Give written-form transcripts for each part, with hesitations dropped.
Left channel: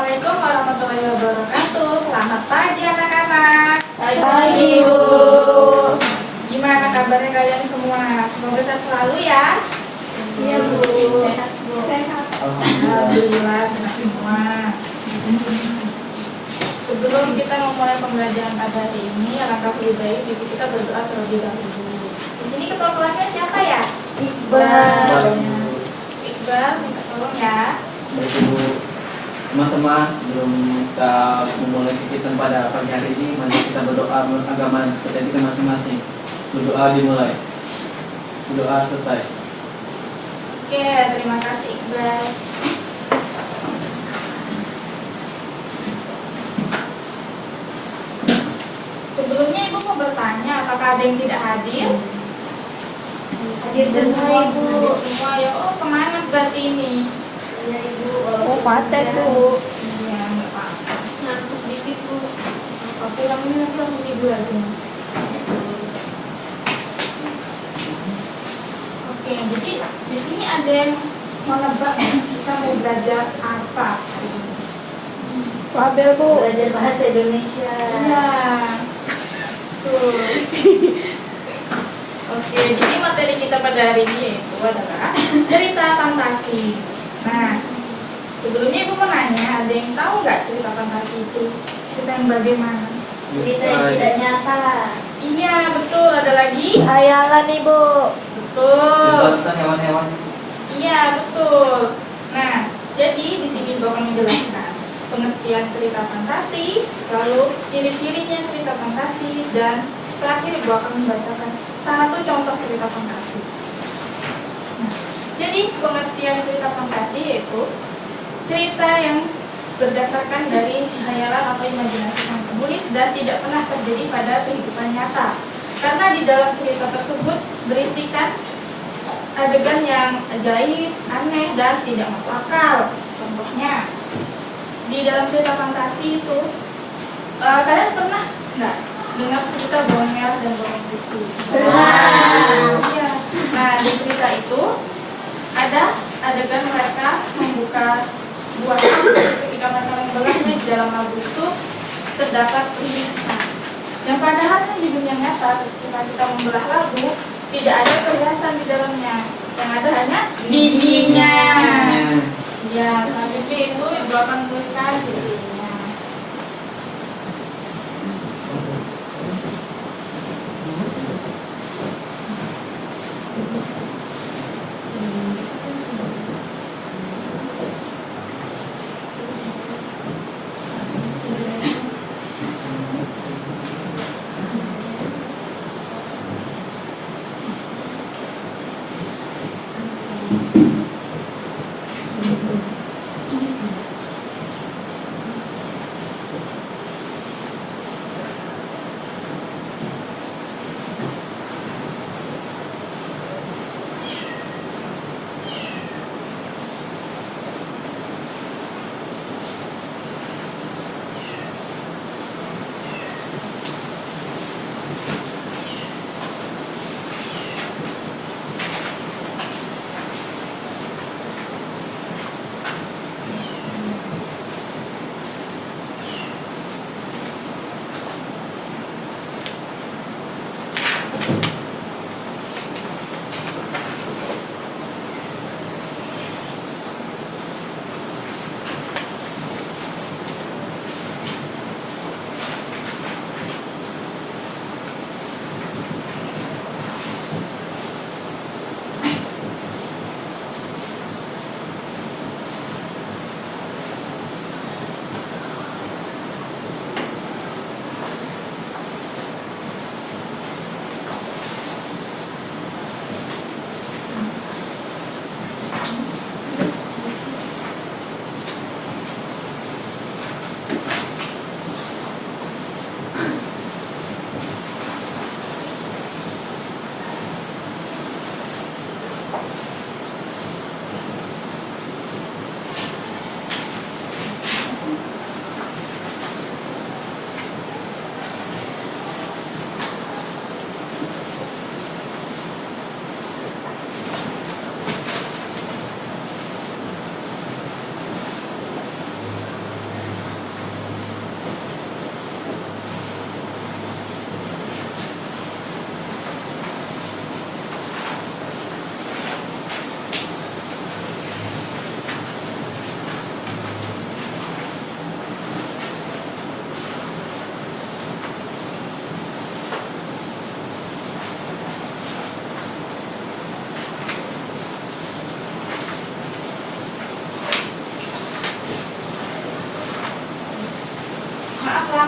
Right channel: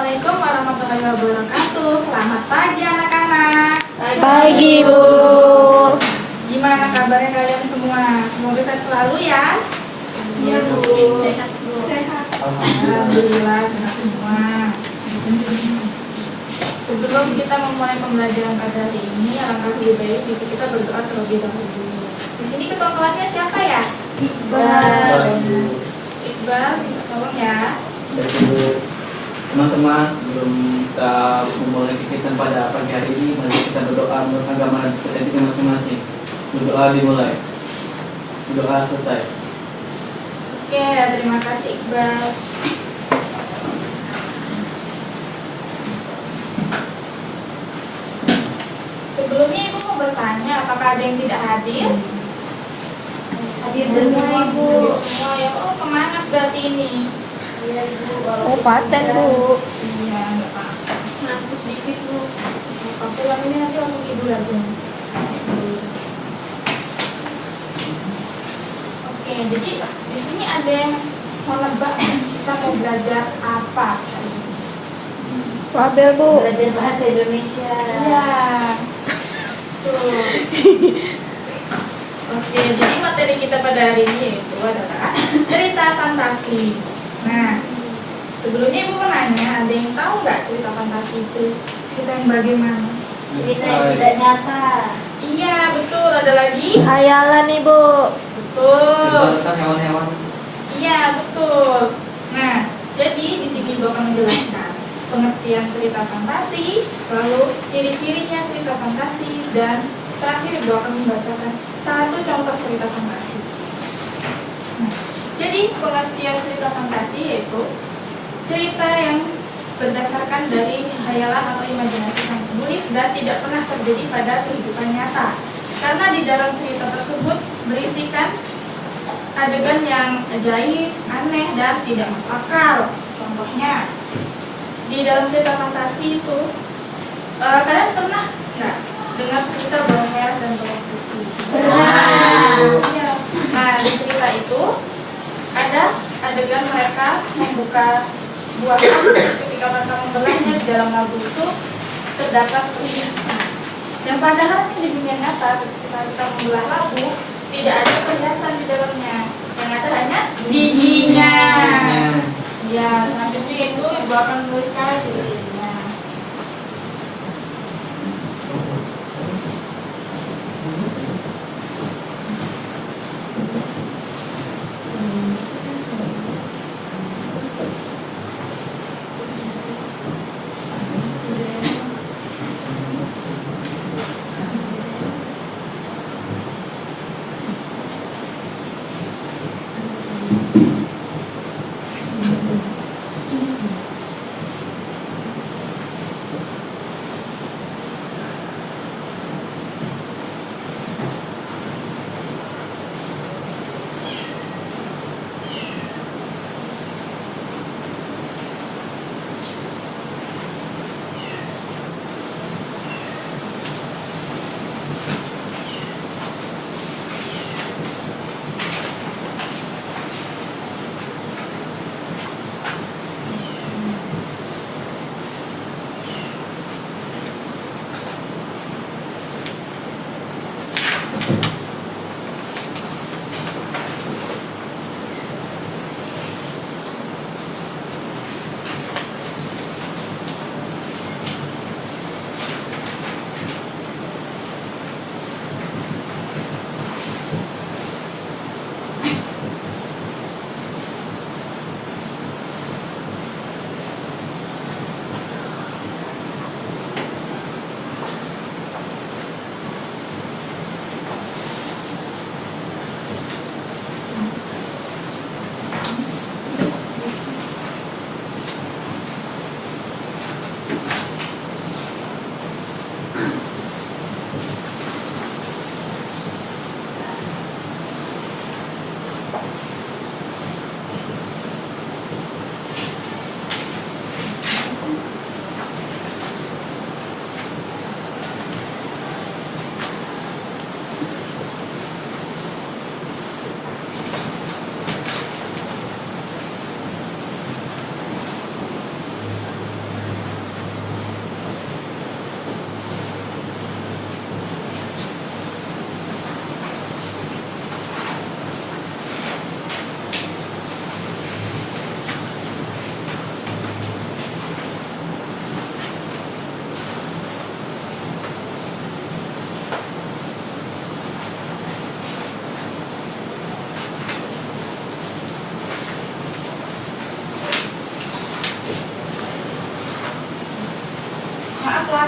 Assalamualaikum warahmatullahi wabarakatuh. Selamat pagi anak-anak. Pagi, Bu. Gimana kabarnya kalian semua? Semoga sehat selalu ya. Iya, Bu. Sehat, Bu. Sehat. Alhamdulillah sehat semua. Sebelum kita memulai pembelajaran pada hari ini, alangkah lebih baik jika kita berdoa terlebih dahulu. Di sini ketua kelasnya siapa ya? Iqbal. Iqbal, minta tolong ya. Baik, Ibu. Teman-teman, sebelum kita memulai kegiatan pada pagi hari ini, mari kita berdoa menurut agama kita masing-masing. Berdoa dimulai, berdoa selesai. Oke, terima kasih Iqbal. Sebelumnya Ibu mau bertanya, apakah ada yang tidak hadir? Hadir semua, Ibu. Hadir semua ya. Oh, semangat berarti ini. Iya, Ibu. Oh, paten Bu. Iya, nggak apa-apa. Ngantuk dikit, Bu. Kalau pulang ini nanti langsung tidur aja. Oke, jadi di sini ada yang mau nebak kita mau belajar apa hari ini? Label, Bu. Belajar bahasa Indonesia. Iya. Tuh. Oke, jadi materi kita pada hari ini yaitu adalah cerita fantasi. Nah, sebelumnya Ibu mau nanya, ada yang tahu nggak cerita fantasi itu? Cerita yang bagaimana? Cerita yang tidak nyata. Iya, betul. Ada lagi? Khayalan, Ibu. Betul. Cerita tentang hewan-hewan. Iya, betul. Nah, jadi di sini Ibu akan menjelaskan pengertian cerita fantasi, lalu ciri-cirinya cerita fantasi, dan terakhir Ibu akan membacakan satu contoh cerita fantasi. Nah, jadi pengertian cerita fantasi yaitu cerita yang berdasarkan dari khayalan atau imajinasi sang penulis dan tidak pernah terjadi pada kehidupan nyata. Karena di dalam cerita tersebut berisikan adegan yang ajaib, aneh, dan tidak masuk akal. Contohnya, di dalam cerita fantasi itu, kalian pernah nggak dengar cerita bawang merah dan bawang putih? Ya. Nah, di cerita itu ada adegan mereka membuka buah labu. Ketika mereka membelahnya, di dalam labu itu terdapat perhiasan. Yang padahal di dunia nyata ketika kita membelah labu tidak ada perhiasan di dalamnya. Yang ada hanya bijinya. Ya, selanjutnya itu Ibu akan menuliskan ciri-cirinya.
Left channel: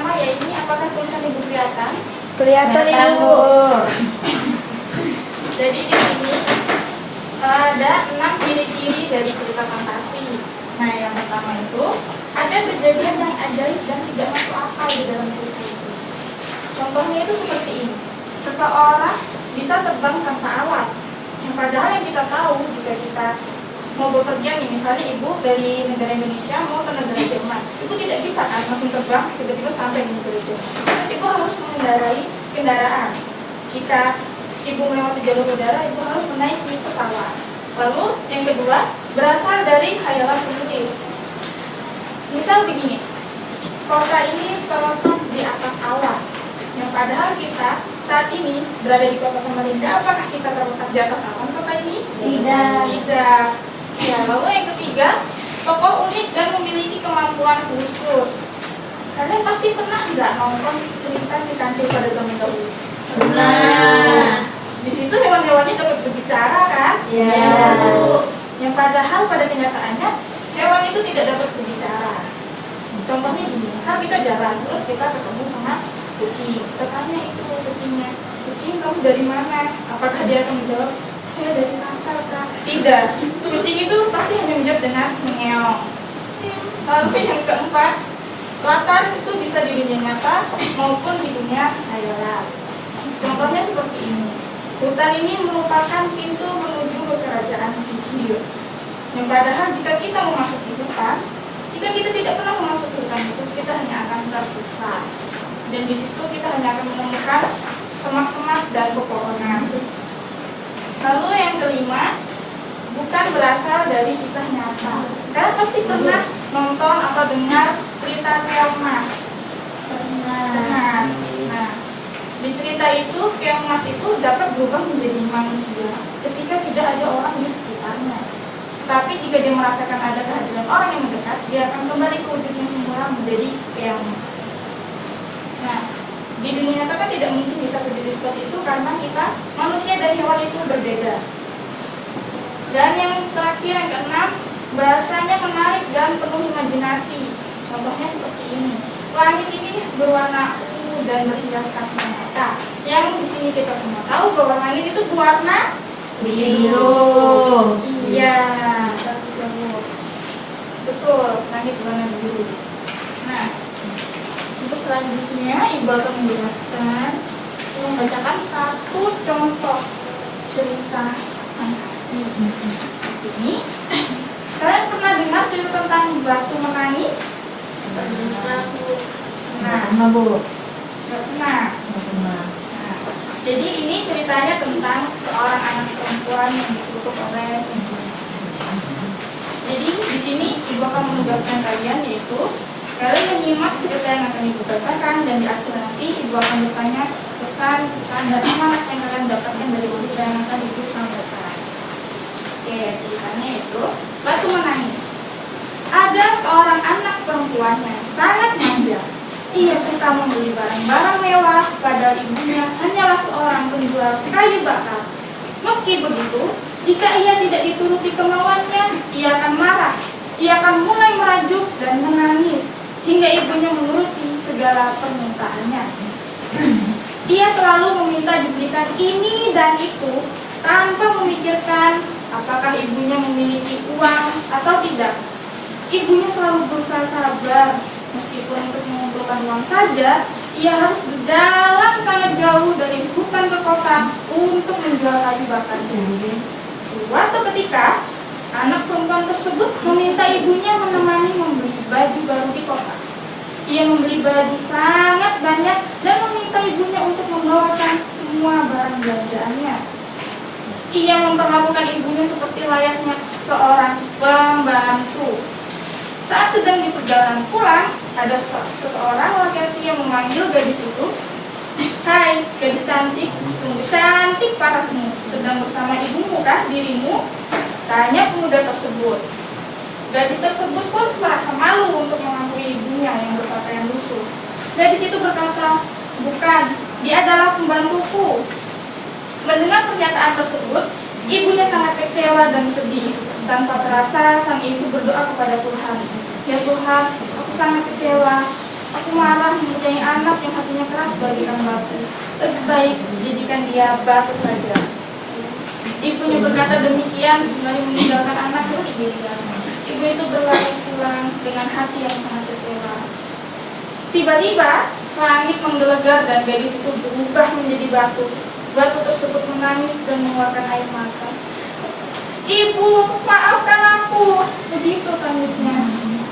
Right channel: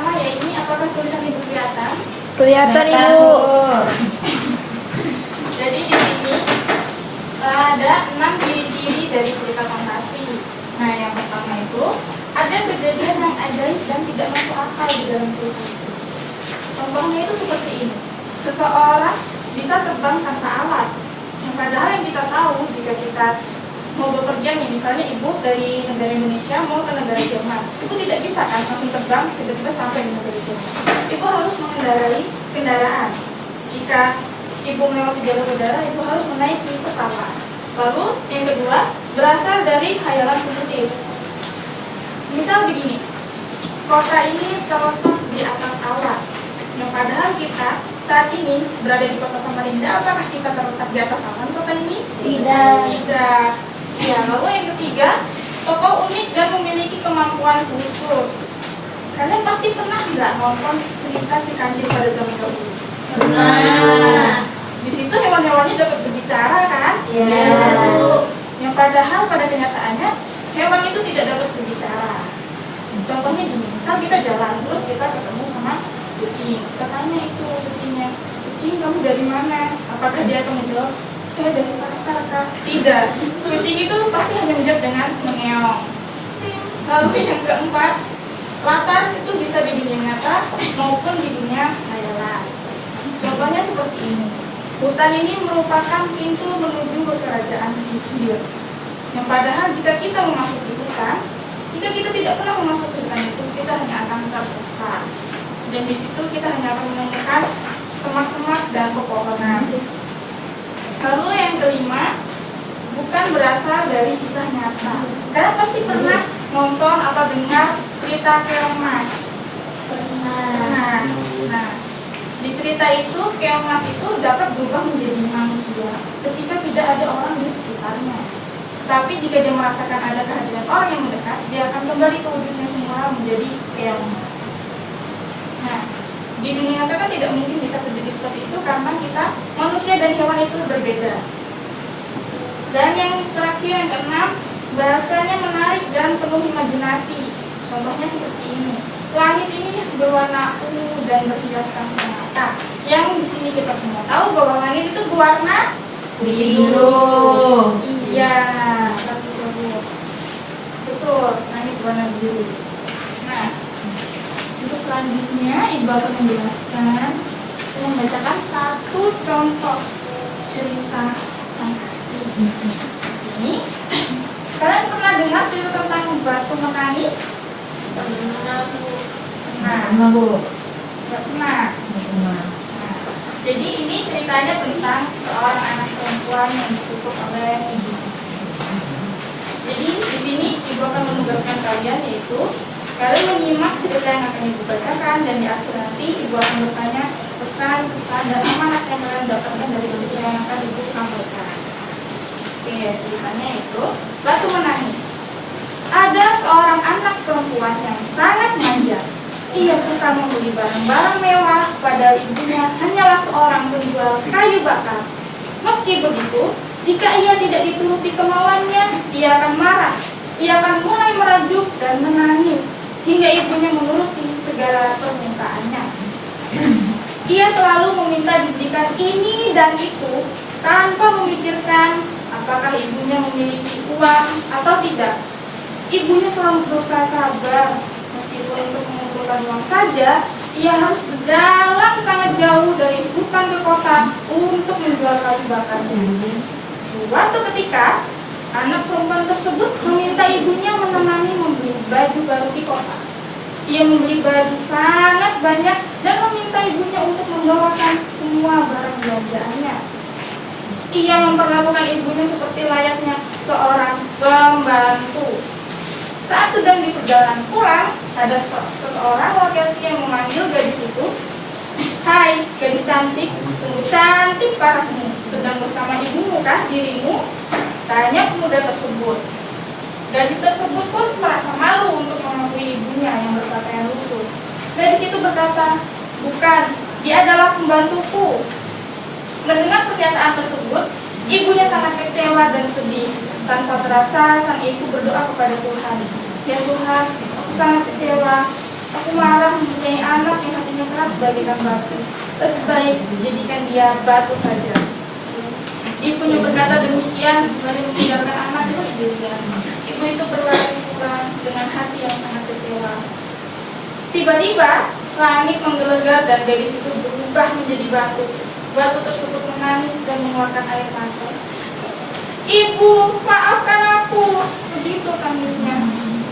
pertama ya ini, apakah tulisan ibu kelihatan? Kelihatan Ibu. Jadi di sini ada 6 ciri-ciri dari cerita fantasi. Nah, yang pertama itu ada kejadian yang ajaib dan tidak masuk akal di dalam cerita itu. Contohnya itu seperti ini. Seseorang bisa terbang tanpa alat. Yang padahal yang kita tahu jika kita mau bepergian nih, misalnya ibu dari negara Indonesia mau ke negara Jerman, ibu tidak bisa kan langsung terbang tiba-tiba sampai di negara Jerman. Ibu harus mengendarai kendaraan. Jika ibu melewati jalur udara, ibu harus menaiki pesawat. Lalu yang kedua berasal dari khayalan penulis. Misal begini, kota ini terletak di atas awan. Yang padahal kita saat ini berada di kota Samarinda, apakah kita terletak di atas awan kota ini? Tidak. Ya, lalu yang ketiga, tokoh unik dan memiliki kemampuan khusus. Kalian pasti pernah nggak nonton cerita si kancil pada zaman dahulu? Pernah. Di situ hewan-hewannya dapat berbicara kan? Iya. Yang padahal pada kenyataannya hewan itu tidak dapat berbicara. Contohnya gini, misal kita jalan terus kita ketemu sama kucing. Kita tanya itu kucingnya, kucing kamu dari mana? Apakah dia akan menjawab, saya dari pasar kak? Tidak. Kucing itu pasti hanya menjawab dengan mengeong. Lalu yang keempat, latar itu bisa di dunia nyata maupun di dunia khayalan. Contohnya seperti ini. Hutan ini merupakan pintu menuju ke kerajaan sihir. Yang padahal jika kita memasuki hutan, jika kita tidak pernah memasuki hutan itu, kita hanya akan tersesat. Dan di situ kita hanya akan menemukan semak-semak dan pepohonan. Lalu yang kelima, bukan berasal dari kisah nyata. Kalian pasti pernah nonton atau dengar cerita Keong Mas. Nah, di cerita itu Keong Mas itu dapat berubah menjadi manusia ketika tidak ada orang di sekitarnya. Tapi jika dia merasakan ada kehadiran orang yang mendekat, dia akan kembali ke wujudnya semula menjadi Keong Mas. Nah, di dunia nyata kan tidak mungkin bisa terjadi seperti itu karena kita manusia dan hewan itu berbeda. Dan yang terakhir, yang keenam, bahasanya menarik dan penuh imajinasi. Contohnya seperti ini. Langit ini berwarna ungu dan berhiaskan mata. Yang di sini kita semua tahu bahwa langit itu berwarna Biru. Iya, betul, langit berwarna biru. Nah, untuk selanjutnya Ibu akan menjelaskan, membacakan satu contoh cerita fantasi. Di sini, kalian pernah dengar cerita tentang batu menangis? Pernah, Bu. Nah, Bu. Nggak pernah. Nah, jadi ini ceritanya tentang seorang anak perempuan yang dikutuk oleh ibu. Jadi di sini Ibu akan menugaskan kalian, yaitu kalian menyimak cerita yang akan Ibu bacakan, dan di akhir nanti Ibu akan bertanya pesan-pesan dan amanat yang kalian dapatkan dari cerita yang akan Ibu sampaikan. Oke, ceritanya itu batu menangis. Ada seorang anak perempuan yang sangat manja. Ia suka membeli barang-barang mewah, padahal ibunya hanyalah seorang penjual kayu bakar. Meski begitu, jika ia tidak dituruti kemauannya, ia akan marah. Ia akan mulai merajuk dan menangis hingga ibunya menuruti segala permintaannya. Ia selalu meminta dibelikan ini dan itu tanpa memikirkan apakah ibunya memiliki uang atau tidak. Ibunya selalu berusaha sabar, meskipun untuk mengumpulkan uang saja, ia harus berjalan sangat jauh dari hutan ke kota untuk menjual kayu bakarnya. Suatu ketika, anak perempuan tersebut meminta ibunya menemani membeli baju baru di kota. Ia membeli baju sangat banyak dan meminta ibunya untuk membawakan semua barang belanjaannya. Ia memperlakukan ibunya seperti layaknya seorang pembantu. Saat sedang di perjalanan pulang, ada seseorang laki-laki yang memanggil gadis itu. Hai, gadis cantik, sungguh cantik parasmu. Sedang bersama ibumu kah dirimu? Tanya pemuda tersebut. Gadis tersebut pun merasa malu untuk mengakui ibunya yang berpakaian lusuh. Gadis itu berkata, bukan, dia adalah pembantuku. Mendengar pernyataan tersebut, ibunya sangat kecewa dan sedih. Tanpa terasa, sang ibu berdoa kepada Tuhan. Ya Tuhan, aku sangat kecewa. Aku marah mempunyai anak yang hatinya keras bagaikan batu. Lebih baik jadikan dia batu saja. Ibunya berkata demikian sembari meninggalkan anaknya sendirian. Ibu itu berlari pulang dengan hati yang sangat kecewa. Tiba-tiba langit menggelegar dan gadis itu berubah menjadi batu. Batu tersebut menangis dan mengeluarkan air mata. Ibu, maafkan aku. Begitu tangisnya.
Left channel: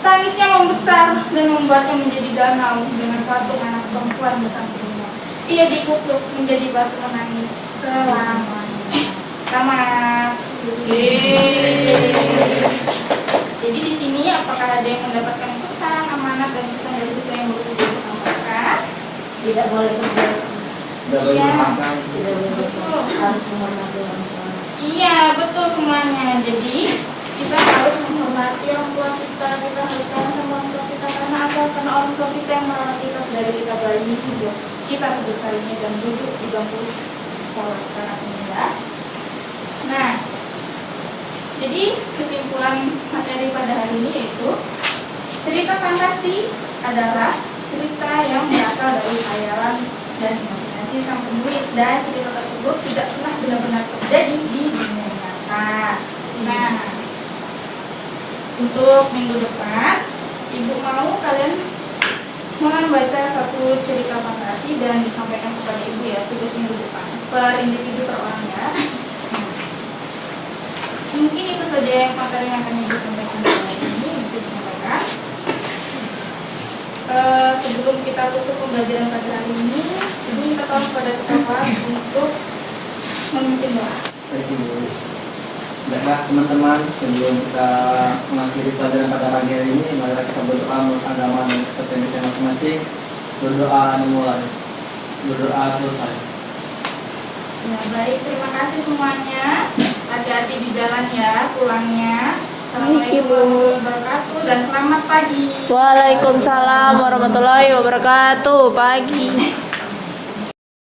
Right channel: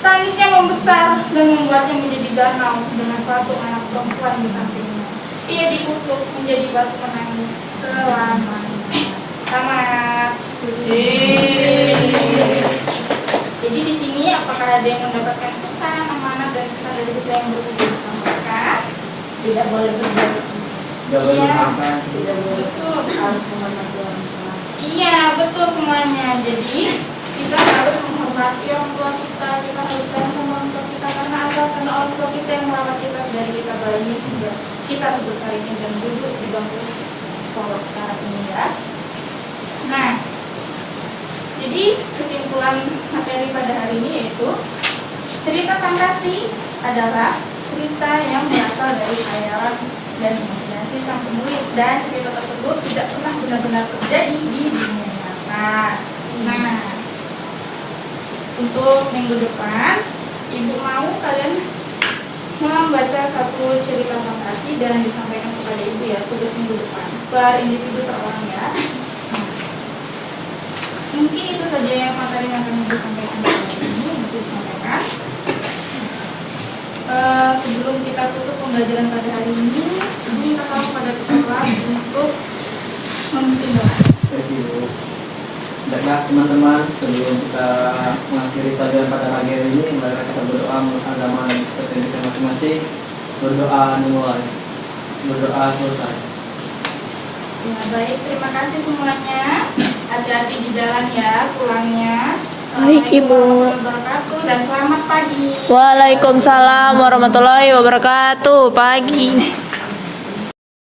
Tangisnya membesar dan membuatnya menjadi danau dengan patung anak perempuan di sampingnya. Ia dikutuk menjadi batu menangis selamanya. Tamat. Jadi di sini apakah ada yang mendapatkan pesan, amanat dan pesan dari kita yang bersedia disampaikan? Tidak boleh berdosa. Tidak boleh Iya. makan. Tidak boleh Betul. harus menghormati orang tua. Iya, betul semuanya. Jadi kita harus menghormati orang tua kita harus sayang sama orang tua kita karena apa? Karena orang tua kita yang merawat kita dari kita bayi hingga kita sebesar ini dan duduk di bangku sekolah sekarang ini ya. Nah, jadi kesimpulan materi pada hari ini yaitu cerita fantasi adalah cerita yang berasal dari khayalan dan imajinasi sang penulis dan cerita tersebut tidak pernah benar-benar terjadi di dunia nyata. Nah, untuk minggu depan, Ibu mau kalian membaca satu cerita fantasi dan disampaikan kepada Ibu ya, tugas minggu depan per individu per orang ya. Mungkin itu saja yang materi yang akan Ibu sampaikan pada hari ini yang bisa disampaikan. Sebelum kita tutup pembelajaran pada hari ini, Ibu minta tolong kepada kita untuk memimpin doa. Baik Ibu. Baiklah teman-teman, sebelum kita mengakhiri pelajaran pada pagi hari ini, marilah kita berdoa menurut agama dan kepercayaan kita masing-masing. Berdoa dimulai, berdoa selesai. Ya baik, terima kasih semuanya. Hati-hati di jalan ya, pulangnya. Baik, Assalamualaikum Ibu. warahmatullahi wabarakatuh dan selamat pagi. Waalaikumsalam warahmatullahi wabarakatuh. Pagi.